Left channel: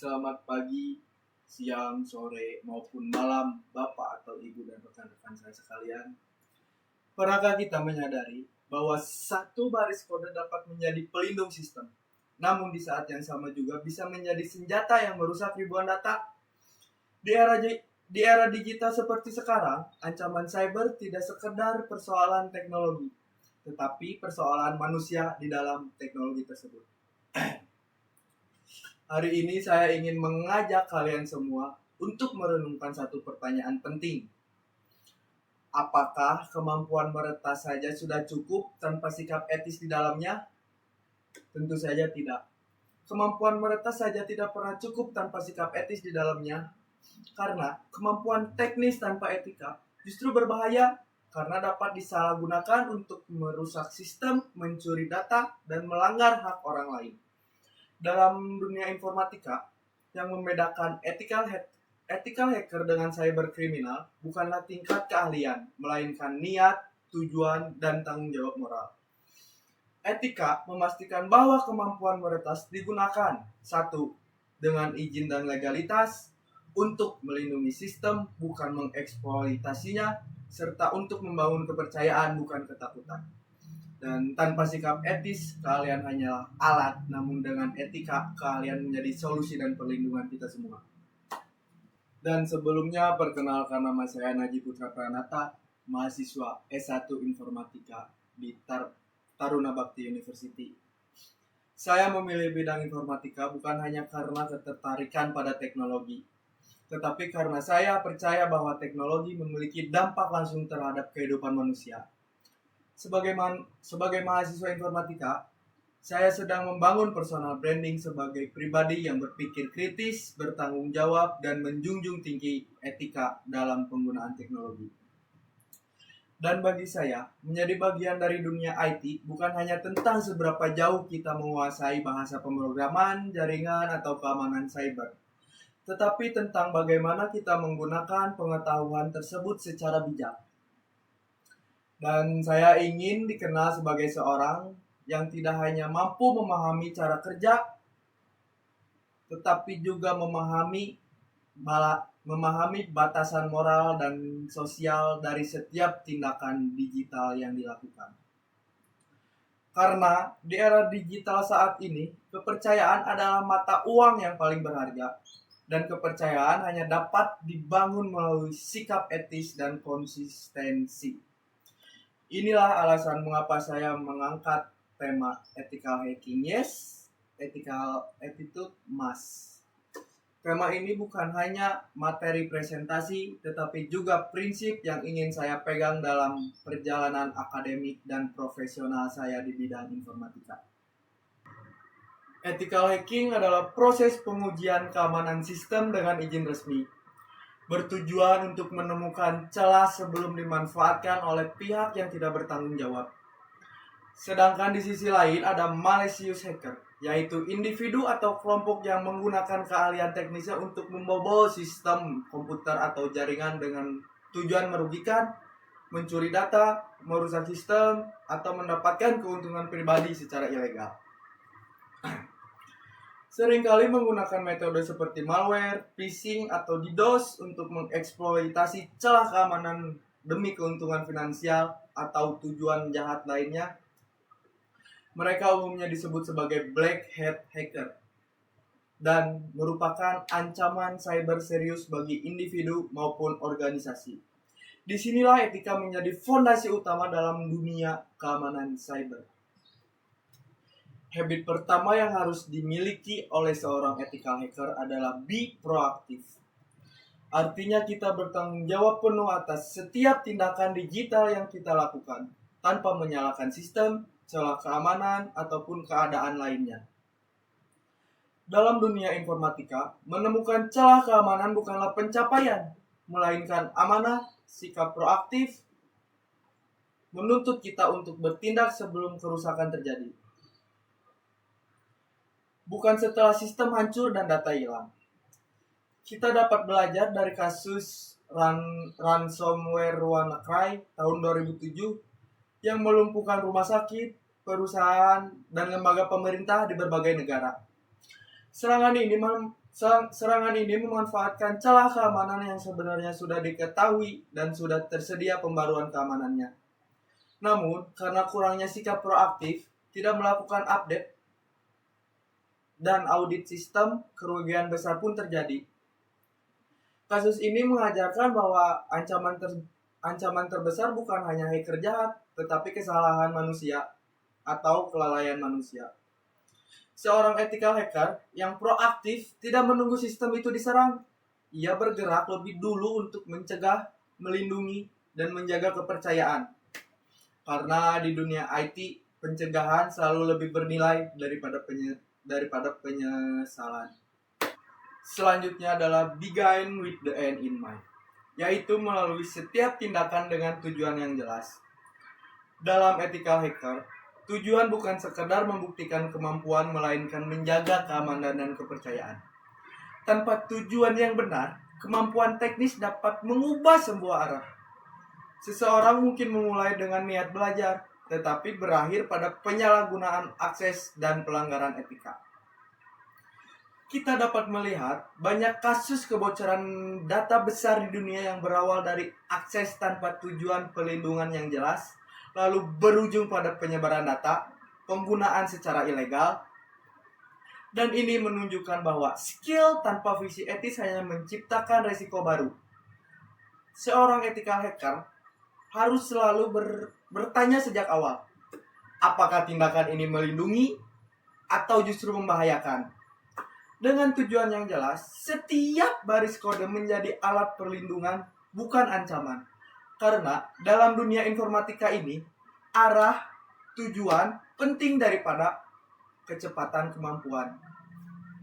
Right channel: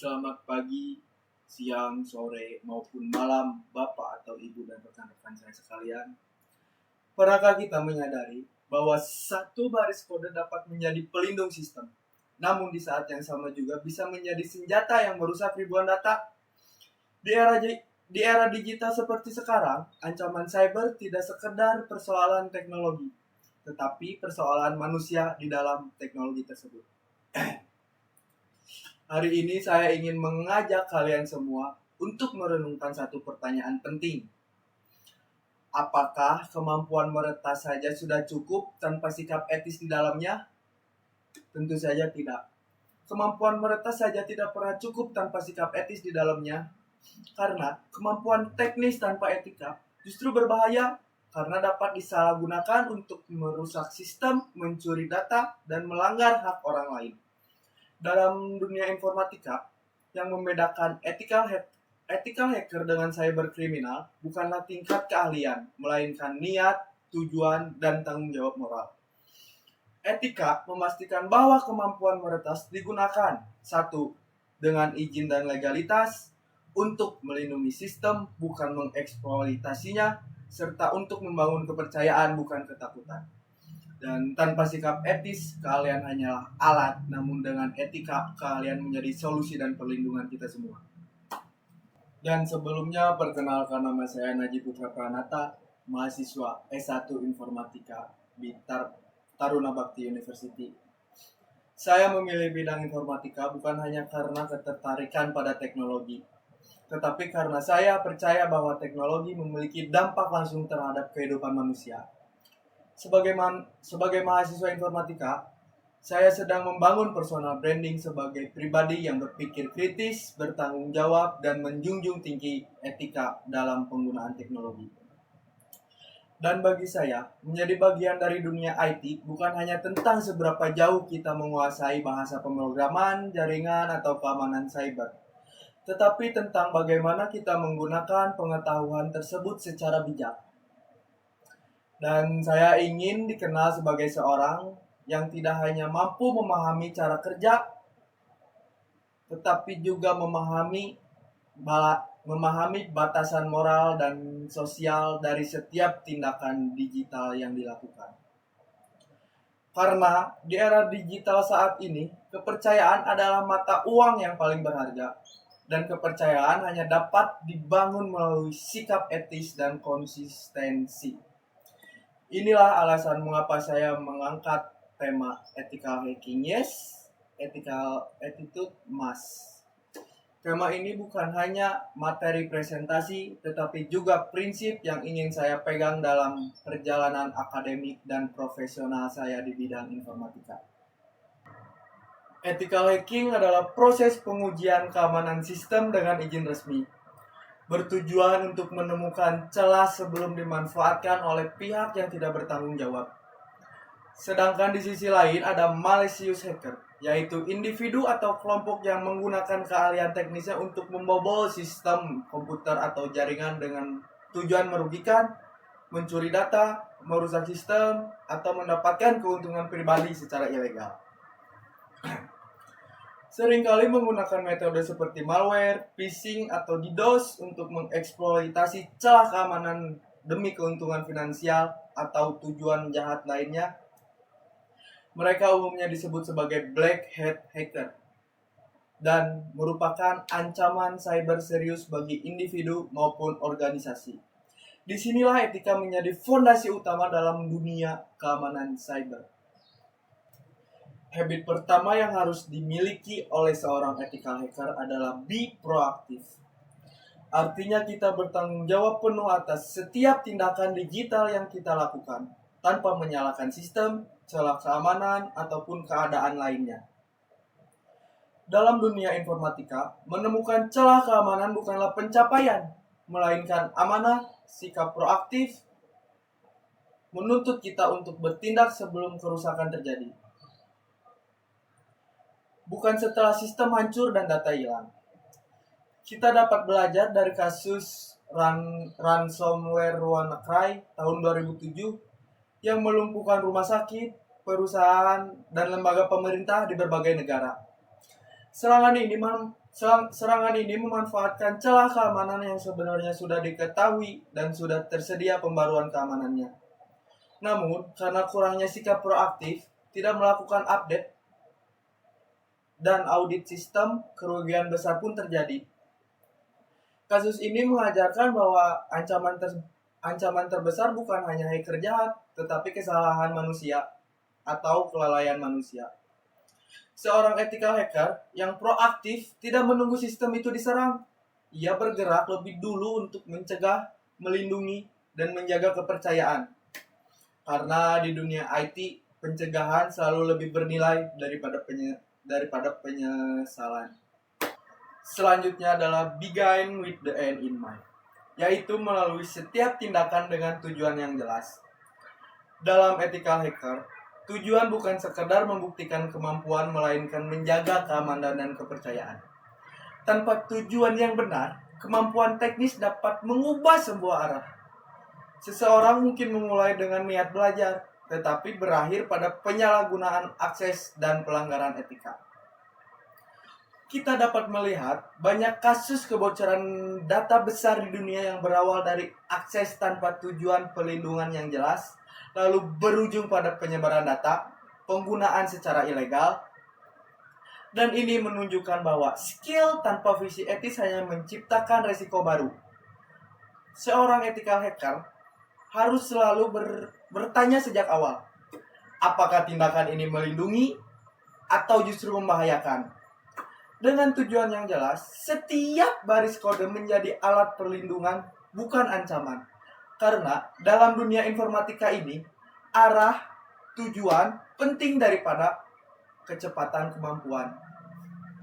Selamat pagi, siang, sore, maupun malam, Bapak atau Ibu dan rekan-rekan saya sekalian. Pernahkah kita menyadari bahwa satu baris kode dapat menjadi pelindung sistem, namun di saat yang sama juga bisa menjadi senjata yang merusak ribuan data? Di era digital seperti sekarang, ancaman cyber tidak sekedar persoalan teknologi, tetapi persoalan manusia di dalam teknologi tersebut. Hari ini saya ingin mengajak kalian semua untuk merenungkan satu pertanyaan penting. Apakah kemampuan meretas saja sudah cukup tanpa sikap etis di dalamnya? Tentu saja tidak. Kemampuan meretas saja tidak pernah cukup tanpa sikap etis di dalamnya. Karena kemampuan teknis tanpa etika justru berbahaya karena dapat disalahgunakan untuk merusak sistem, mencuri data, dan melanggar hak orang lain. Dalam dunia informatika, yang membedakan ethical hacker dengan cyber kriminal bukanlah tingkat keahlian, melainkan niat, tujuan, dan tanggung jawab moral. Etika memastikan bahwa kemampuan meretas digunakan, satu, dengan izin dan legalitas, untuk melindungi sistem, bukan mengeksploitasinya, serta untuk membangun kepercayaan, bukan ketakutan. Dan tanpa sikap etis, keahlian hanyalah alat, namun dengan etika, keahlian menjadi solusi dan perlindungan kita semua. Dan sebelumnya, perkenalkan nama saya Najib Putra Pranata, mahasiswa S1 Informatika di Taruna Bakti University. Saya memilih bidang informatika bukan hanya karena ketertarikan pada teknologi, tetapi karena saya percaya bahwa teknologi memiliki dampak langsung terhadap kehidupan manusia. Sebagai mahasiswa informatika, saya sedang membangun personal branding sebagai pribadi yang berpikir kritis, bertanggung jawab, dan menjunjung tinggi etika dalam penggunaan teknologi. Dan bagi saya, menjadi bagian dari dunia IT bukan hanya tentang seberapa jauh kita menguasai bahasa pemrograman, jaringan, atau keamanan cyber, tetapi tentang bagaimana kita menggunakan pengetahuan tersebut secara bijak. Dan saya ingin dikenal sebagai seorang yang tidak hanya mampu memahami cara kerja, tetapi juga memahami batasan moral dan sosial dari setiap tindakan digital yang dilakukan. Karena di era digital saat ini, kepercayaan adalah mata uang yang paling berharga. Dan kepercayaan hanya dapat dibangun melalui sikap etis dan konsistensi. Inilah alasan mengapa saya mengangkat tema ethical hacking yes, ethical attitude must. Tema ini bukan hanya materi presentasi, tetapi juga prinsip yang ingin saya pegang dalam perjalanan akademik dan profesional saya di bidang informatika. Ethical hacking adalah proses pengujian keamanan sistem dengan izin resmi, bertujuan untuk menemukan celah sebelum dimanfaatkan oleh pihak yang tidak bertanggung jawab. Sedangkan di sisi lain ada malicious hacker, yaitu individu atau kelompok yang menggunakan keahlian teknisnya untuk membobol sistem komputer atau jaringan dengan tujuan merugikan, mencuri data, merusak sistem, atau mendapatkan keuntungan pribadi secara ilegal. Seringkali menggunakan metode seperti malware, phishing, atau DDoS untuk mengeksploitasi celah keamanan demi keuntungan finansial atau tujuan jahat lainnya. Mereka umumnya disebut sebagai black hat hacker dan merupakan ancaman cyber serius bagi individu maupun organisasi. Disinilah etika menjadi fondasi utama dalam dunia keamanan cyber. Habit pertama yang harus dimiliki oleh seorang ethical hacker adalah be proaktif. Artinya kita bertanggung jawab penuh atas setiap tindakan digital yang kita lakukan, tanpa menyalahkan sistem, celah keamanan, ataupun keadaan lainnya. Dalam dunia informatika, menemukan celah keamanan bukanlah pencapaian, melainkan amanah, sikap proaktif, menuntut kita untuk bertindak sebelum kerusakan terjadi. Bukan setelah sistem hancur dan data hilang. Kita dapat belajar dari kasus ransomware WannaCry tahun 2007 yang melumpuhkan rumah sakit, perusahaan, dan lembaga pemerintah di berbagai negara. Serangan ini Serangan ini memanfaatkan celah keamanan yang sebenarnya sudah diketahui dan sudah tersedia pembaruan keamanannya. Namun, karena kurangnya sikap proaktif, tidak melakukan update dan audit sistem, kerugian besar pun terjadi. Kasus ini mengajarkan bahwa ancaman terbesar bukan hanya hacker jahat, tetapi kesalahan manusia atau kelalaian manusia. Seorang ethical hacker yang proaktif tidak menunggu sistem itu diserang. Ia bergerak lebih dulu untuk mencegah, melindungi, dan menjaga kepercayaan. Karena di dunia IT, pencegahan selalu lebih bernilai daripada penyesalan. Selanjutnya adalah begin with the end in mind, yaitu melalui setiap tindakan dengan tujuan yang jelas. Dalam ethical hacker, tujuan bukan sekedar membuktikan kemampuan, melainkan menjaga keamanan dan kepercayaan. Tanpa tujuan yang benar, kemampuan teknis dapat mengubah sebuah arah. Seseorang mungkin memulai dengan niat belajar, tetapi berakhir pada penyalahgunaan akses dan pelanggaran etika. Kita dapat melihat banyak kasus kebocoran data besar di dunia yang berawal dari akses tanpa tujuan pelindungan yang jelas, lalu berujung pada penyebaran data, penggunaan secara ilegal, dan ini menunjukkan bahwa skill tanpa visi etis hanya menciptakan risiko baru. Seorang ethical hacker harus selalu bertanya sejak awal, apakah tindakan ini melindungi atau justru membahayakan? Dengan tujuan yang jelas, setiap baris kode menjadi alat perlindungan, bukan ancaman. Karena dalam dunia informatika ini, arah, tujuan penting daripada kecepatan kemampuan.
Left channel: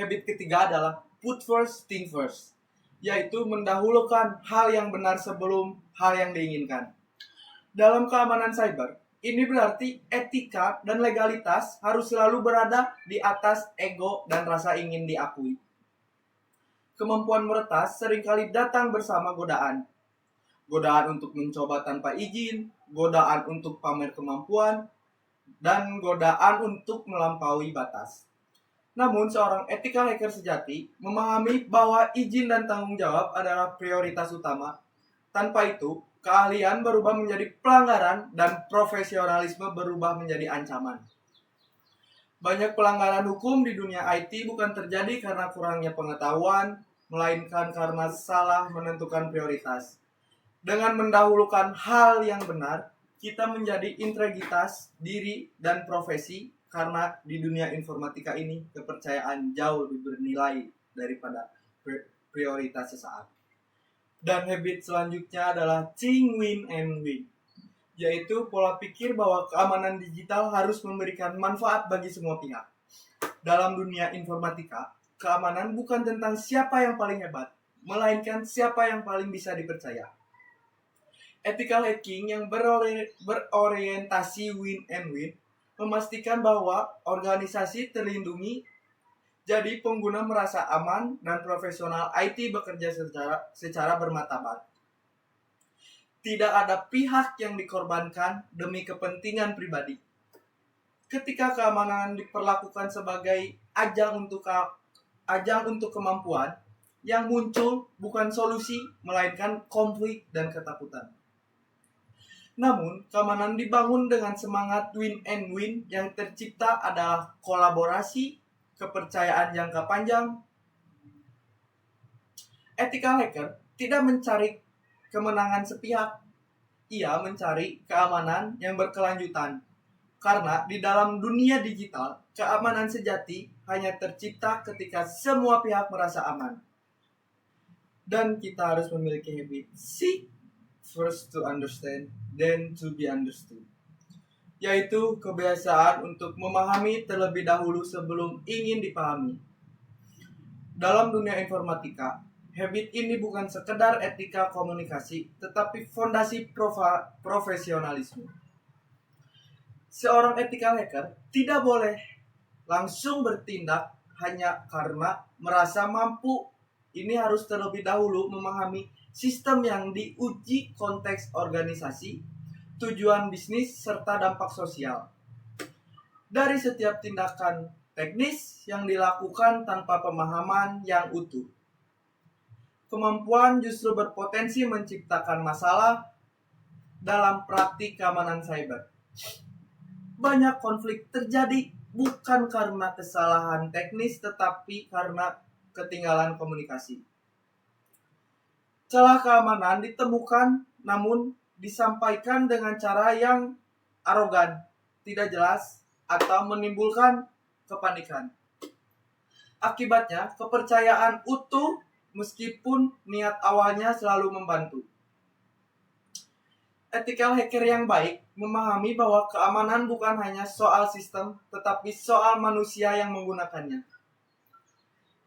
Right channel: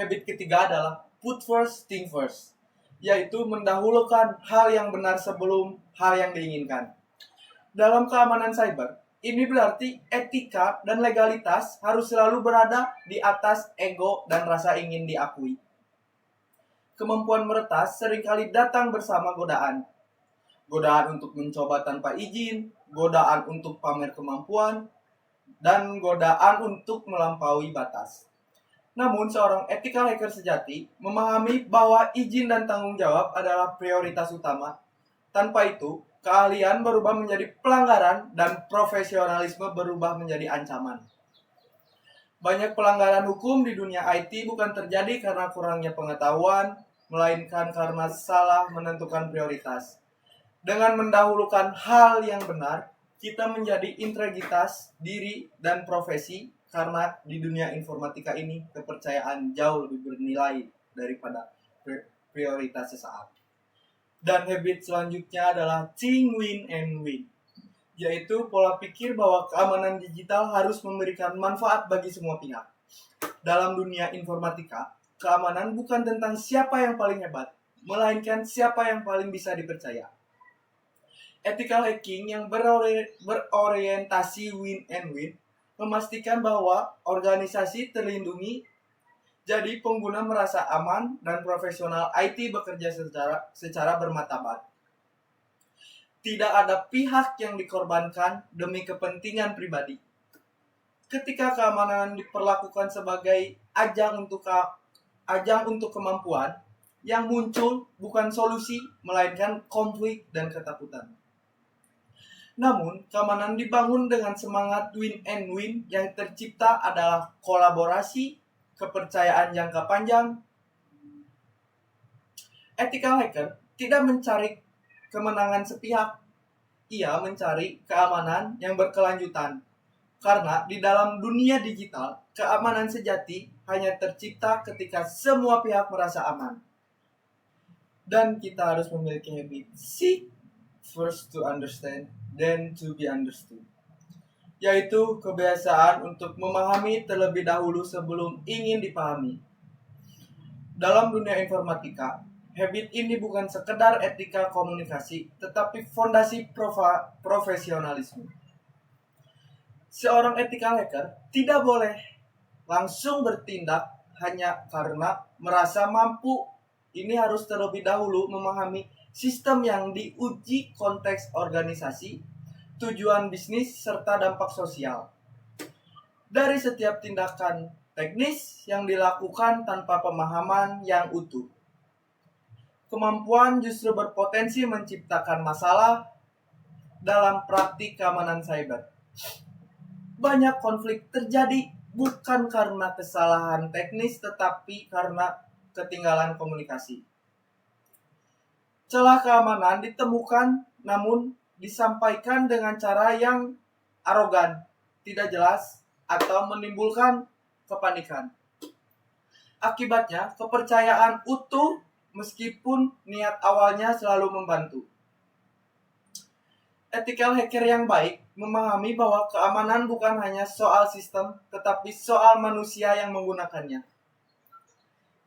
Habit ketiga adalah put first, think first, yaitu mendahulukan hal yang benar sebelum hal yang diinginkan. Dalam keamanan cyber, ini berarti etika dan legalitas harus selalu berada di atas ego dan rasa ingin diakui. Kemampuan meretas seringkali datang bersama godaan. Godaan untuk mencoba tanpa izin, godaan untuk pamer kemampuan, dan godaan untuk melampaui batas. Namun, seorang ethical hacker sejati memahami bahwa izin dan tanggung jawab adalah prioritas utama. Tanpa itu, keahlian berubah menjadi pelanggaran dan profesionalisme berubah menjadi ancaman. Banyak pelanggaran hukum di dunia IT bukan terjadi karena kurangnya pengetahuan, melainkan karena salah menentukan prioritas. Dengan mendahulukan hal yang benar, kita menjadi integritas diri dan profesi, karena di dunia informatika ini kepercayaan jauh lebih bernilai daripada prioritas sesaat. Dan habit selanjutnya adalah think, win, and win, yaitu pola pikir bahwa keamanan digital harus memberikan manfaat bagi semua pihak. Dalam dunia informatika, keamanan bukan tentang siapa yang paling hebat, melainkan siapa yang paling bisa dipercaya. Ethical hacking yang berorientasi win and win memastikan bahwa organisasi terlindungi, jadi pengguna merasa aman dan profesional IT bekerja secara bermartabat. Tidak ada pihak yang dikorbankan demi kepentingan pribadi. Ketika keamanan diperlakukan sebagai ajang untuk kemampuan, yang muncul bukan solusi, melainkan konflik dan ketakutan. Namun, keamanan dibangun dengan semangat win and win, yang tercipta adalah kolaborasi, kepercayaan jangka panjang. Ethical hacker tidak mencari kemenangan sepihak. Ia mencari keamanan yang berkelanjutan. Karena di dalam dunia digital, keamanan sejati hanya tercipta ketika semua pihak merasa aman. Dan kita harus memiliki habit seek first to understand, then to be understood, yaitu kebiasaan untuk memahami terlebih dahulu sebelum ingin dipahami. Dalam dunia informatika, habit ini bukan sekedar etika komunikasi, tetapi fondasi profesionalisme. Seorang ethical hacker tidak boleh langsung bertindak hanya karena merasa mampu. Ini harus terlebih dahulu memahami sistem yang diuji, konteks organisasi, tujuan bisnis, serta dampak sosial. Dari setiap tindakan teknis yang dilakukan tanpa pemahaman yang utuh. Kemampuan justru berpotensi menciptakan masalah dalam praktik keamanan cyber. Banyak konflik terjadi bukan karena kesalahan teknis tetapi karena ketinggalan komunikasi. Celah keamanan ditemukan namun disampaikan dengan cara yang arogan, tidak jelas, atau menimbulkan kepanikan. Akibatnya, kepercayaan utuh meskipun niat awalnya selalu membantu. Ethical hacker yang baik memahami bahwa keamanan bukan hanya soal sistem, tetapi soal manusia yang menggunakannya.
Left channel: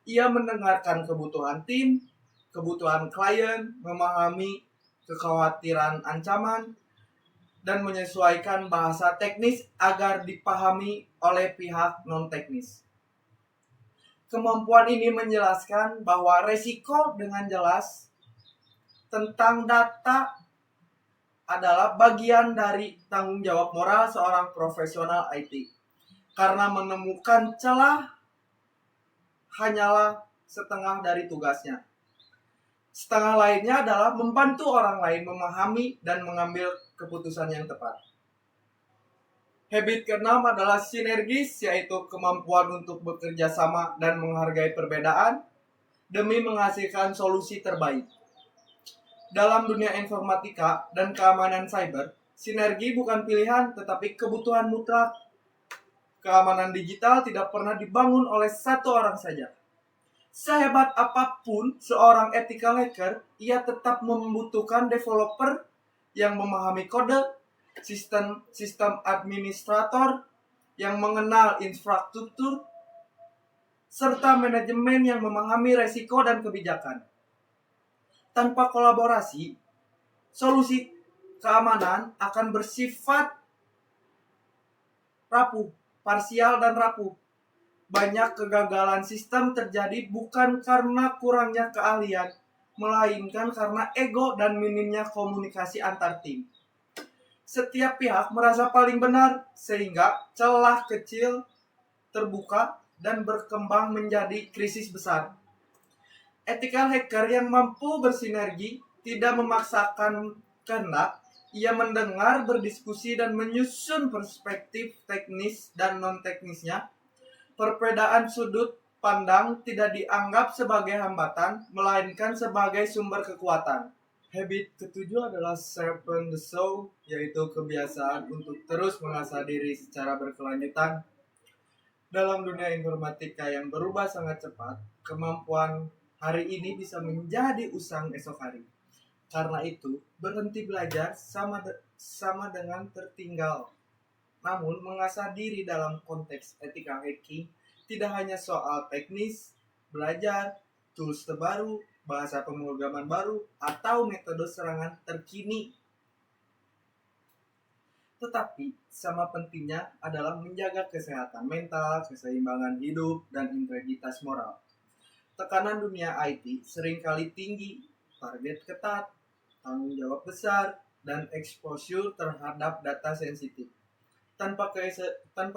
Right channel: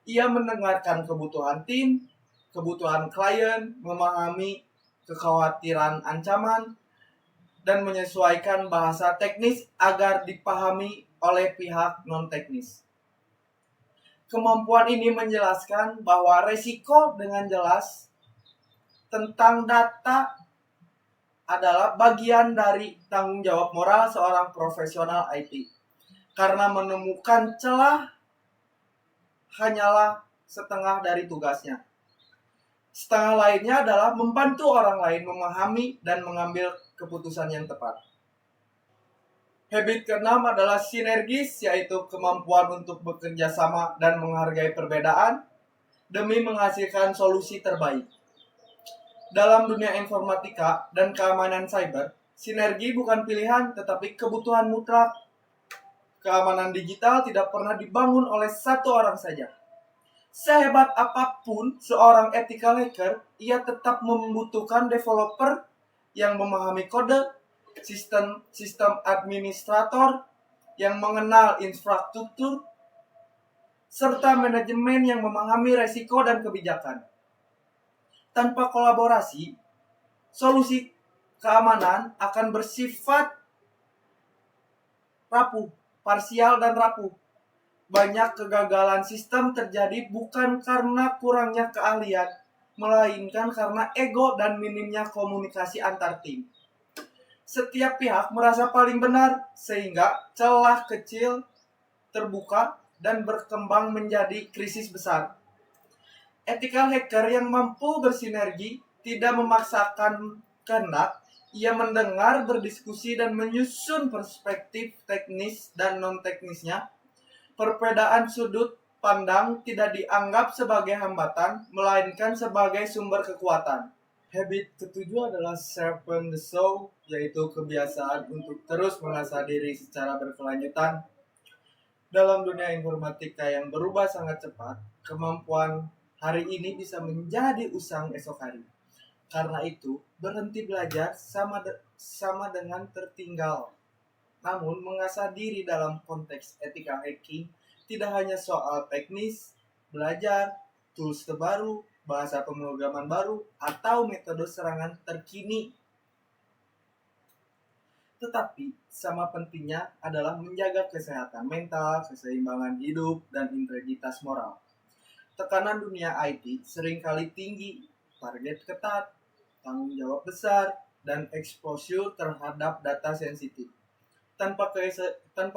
Ia mendengarkan kebutuhan tim, kebutuhan klien, memahami kekhawatiran ancaman, dan menyesuaikan bahasa teknis agar dipahami oleh pihak non-teknis. Kemampuan ini menjelaskan bahwa resiko dengan jelas tentang data adalah bagian dari tanggung jawab moral seorang profesional IT. Karena menemukan celah hanyalah setengah dari tugasnya. Setengah lainnya adalah membantu orang lain memahami dan mengambil keputusan yang tepat. Habit keenam adalah sinergis, yaitu kemampuan untuk bekerja sama dan menghargai perbedaan demi menghasilkan solusi terbaik. Dalam dunia informatika dan keamanan cyber, sinergi bukan pilihan tetapi kebutuhan mutlak. Keamanan digital tidak pernah dibangun oleh satu orang saja. Sehebat apapun seorang ethical hacker, ia tetap membutuhkan developer yang memahami kode, sistem administrator yang mengenal infrastruktur, serta manajemen yang memahami resiko dan kebijakan. Tanpa kolaborasi, solusi keamanan akan bersifat rapuh, parsial dan rapuh. Banyak kegagalan sistem terjadi bukan karena kurangnya keahlian, melainkan karena ego dan minimnya komunikasi antar tim. Setiap pihak merasa paling benar, sehingga celah kecil terbuka dan berkembang menjadi krisis besar. Ethical hacker yang mampu bersinergi tidak memaksakan kehendak, ia mendengar, berdiskusi, dan menyusun perspektif teknis dan non-teknisnya. Perbedaan sudut pandang tidak dianggap sebagai hambatan, melainkan sebagai sumber kekuatan. Habit ketujuh adalah sharpen the saw, yaitu kebiasaan untuk terus mengasah diri secara berkelanjutan. Dalam dunia informatika yang berubah sangat cepat, kemampuan hari ini bisa menjadi usang esok hari. Karena itu, berhenti belajar sama dengan tertinggal. Namun, mengasah diri dalam konteks ethical hacking tidak hanya soal teknis, belajar, tools terbaru, bahasa pemrograman baru, atau metode serangan terkini. Tetapi, sama pentingnya adalah menjaga kesehatan mental, keseimbangan hidup, dan integritas moral. Tekanan dunia IT seringkali tinggi, target ketat, tanggung jawab besar, dan exposure terhadap data sensitif. Tanpa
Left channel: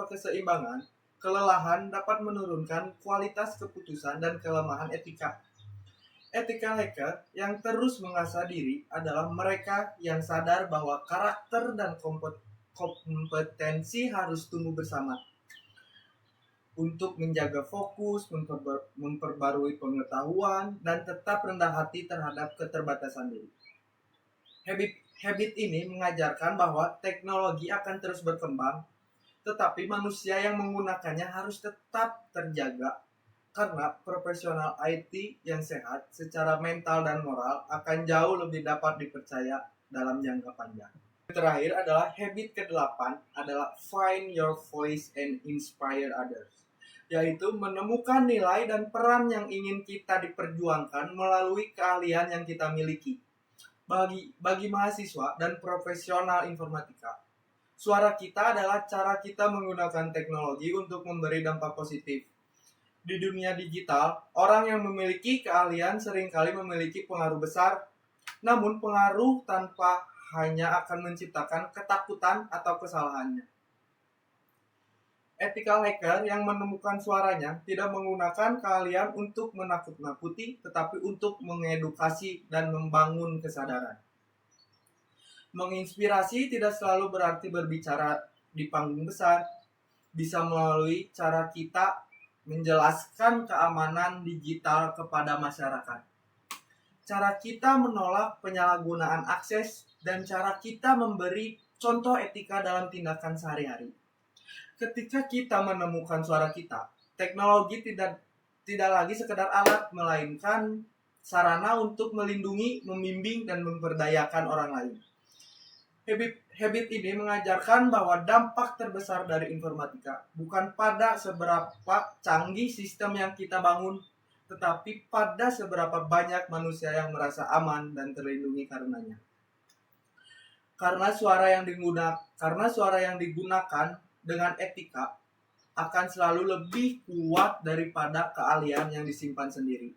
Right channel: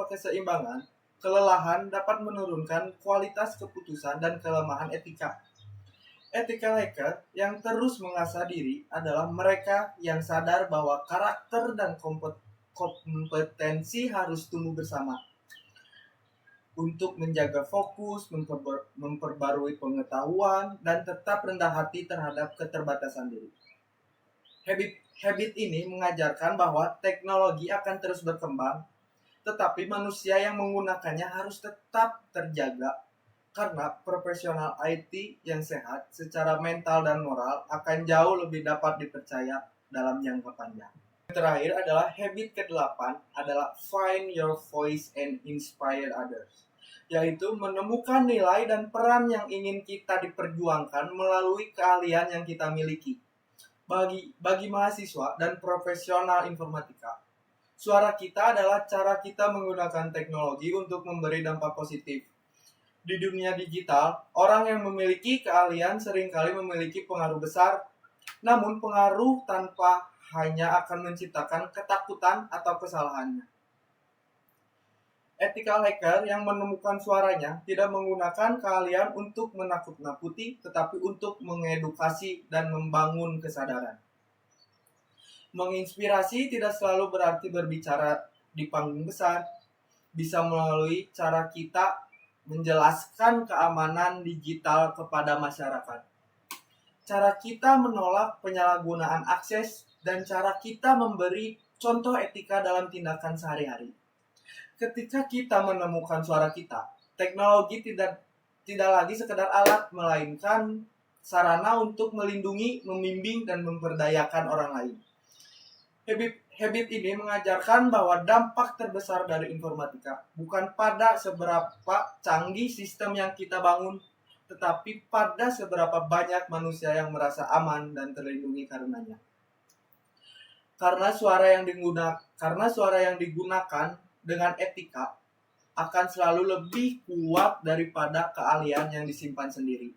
keseimbangan, kelelahan dapat menurunkan kualitas keputusan dan kelemahan etika. Ethical hacker yang terus mengasah diri adalah mereka yang sadar bahwa karakter dan kompetensi harus tumbuh bersama untuk menjaga fokus, memperbarui pengetahuan, dan tetap rendah hati terhadap keterbatasan diri. Habit ini mengajarkan bahwa teknologi akan terus berkembang, tetapi manusia yang menggunakannya harus tetap terjaga, karena profesional IT yang sehat secara mental dan moral akan jauh lebih dapat dipercaya dalam jangka panjang. Yang terakhir adalah habit ke-8 adalah find your voice and inspire others, yaitu menemukan nilai dan peran yang ingin kita diperjuangkan melalui keahlian yang kita miliki. Bagi mahasiswa dan profesional informatika, suara kita adalah cara kita menggunakan teknologi untuk memberi dampak positif. Di dunia digital, orang yang memiliki keahlian seringkali memiliki pengaruh besar, namun pengaruh tanpa hanya akan menciptakan ketakutan atau kesalahannya. Ethical hacker yang menemukan suaranya tidak menggunakan keahlian untuk menakut-nakuti, tetapi untuk mengedukasi dan membangun kesadaran. Menginspirasi tidak selalu berarti berbicara di panggung besar, bisa melalui cara kita menjelaskan keamanan digital kepada masyarakat. Cara kita menolak penyalahgunaan akses dan cara kita memberi contoh etika dalam tindakan sehari-hari. Ketika kita menemukan suara kita, teknologi tidak lagi sekedar alat, melainkan sarana untuk melindungi, membimbing, dan memberdayakan orang lain. Habit ini mengajarkan bahwa dampak terbesar dari informatika bukan pada seberapa canggih sistem yang kita bangun, tetapi pada seberapa banyak manusia yang merasa aman dan terlindungi karenanya. Karena suara yang digunakan dengan etika akan selalu lebih kuat daripada keahlian yang disimpan sendiri.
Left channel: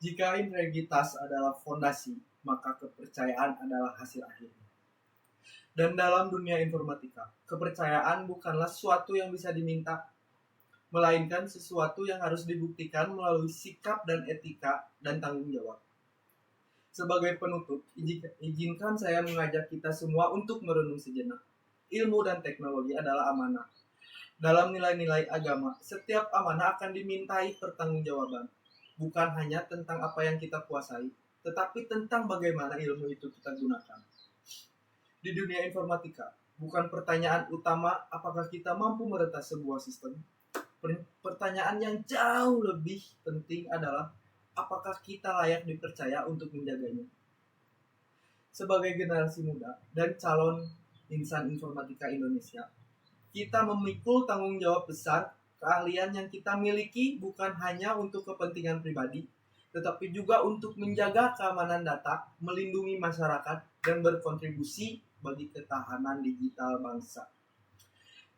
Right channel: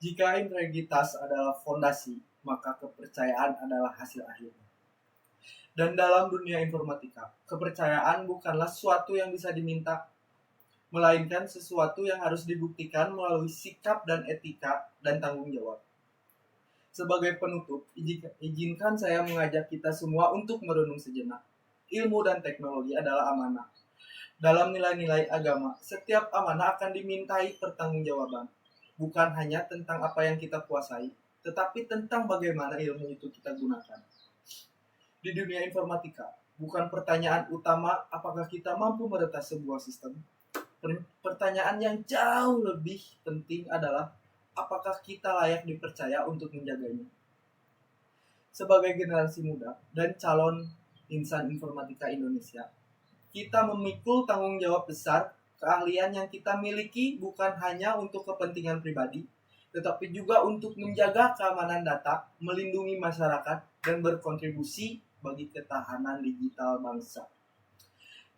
Jika integritas adalah fondasi, maka kepercayaan adalah hasil akhirnya. Dan dalam dunia informatika, kepercayaan bukanlah sesuatu yang bisa diminta, melainkan sesuatu yang harus dibuktikan melalui sikap dan etika dan tanggung jawab. Sebagai penutup, izinkan saya mengajak kita semua untuk merenung sejenak. Ilmu dan teknologi adalah amanah. Dalam nilai-nilai agama, setiap amanah akan dimintai pertanggungjawaban. Bukan hanya tentang apa yang kita kuasai, tetapi tentang bagaimana ilmu itu kita gunakan. Di dunia informatika, bukan pertanyaan utama apakah kita mampu meretas sebuah sistem. Pertanyaan yang jauh lebih penting adalah apakah kita layak dipercaya untuk menjaganya. Sebagai generasi muda dan calon insan informatika Indonesia, kita memikul tanggung jawab besar. Keahlian yang kita miliki bukan hanya untuk kepentingan pribadi, tetapi juga untuk menjaga keamanan data, melindungi masyarakat, dan berkontribusi bagi ketahanan digital bangsa.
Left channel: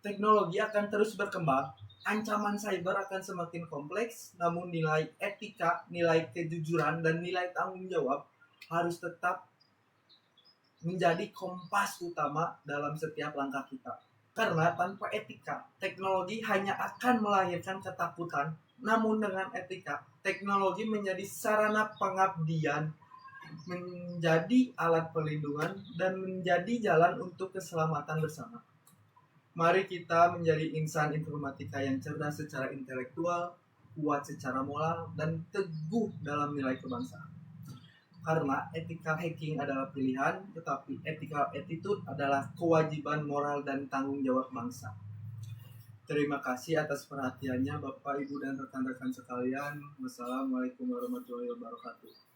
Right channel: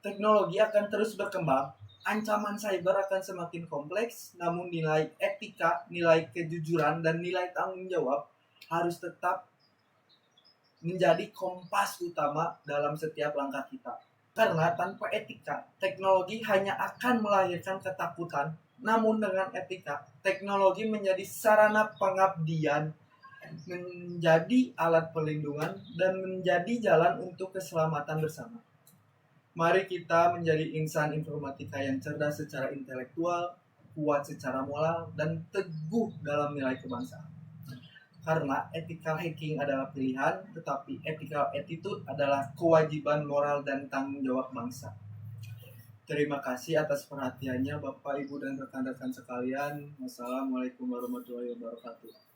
Teknologi akan terus berkembang, ancaman cyber akan semakin kompleks, namun nilai etika, nilai kejujuran, dan nilai tanggung jawab harus tetap menjadi kompas utama dalam setiap langkah kita. Karena tanpa etika, teknologi hanya akan melahirkan ketakutan. Namun dengan etika, teknologi menjadi sarana pengabdian, menjadi alat pelindungan, dan menjadi jalan untuk keselamatan bersama. Mari kita menjadi insan informatika yang cerdas secara intelektual, kuat secara moral, dan teguh dalam nilai kebangsaan. Karena ethical hacking adalah pilihan, tetapi ethical attitude adalah kewajiban moral dan tanggung jawab bangsa. Terima kasih atas perhatiannya Bapak, Ibu, dan rekan-rekan sekalian. Wassalamualaikum warahmatullahi wabarakatuh.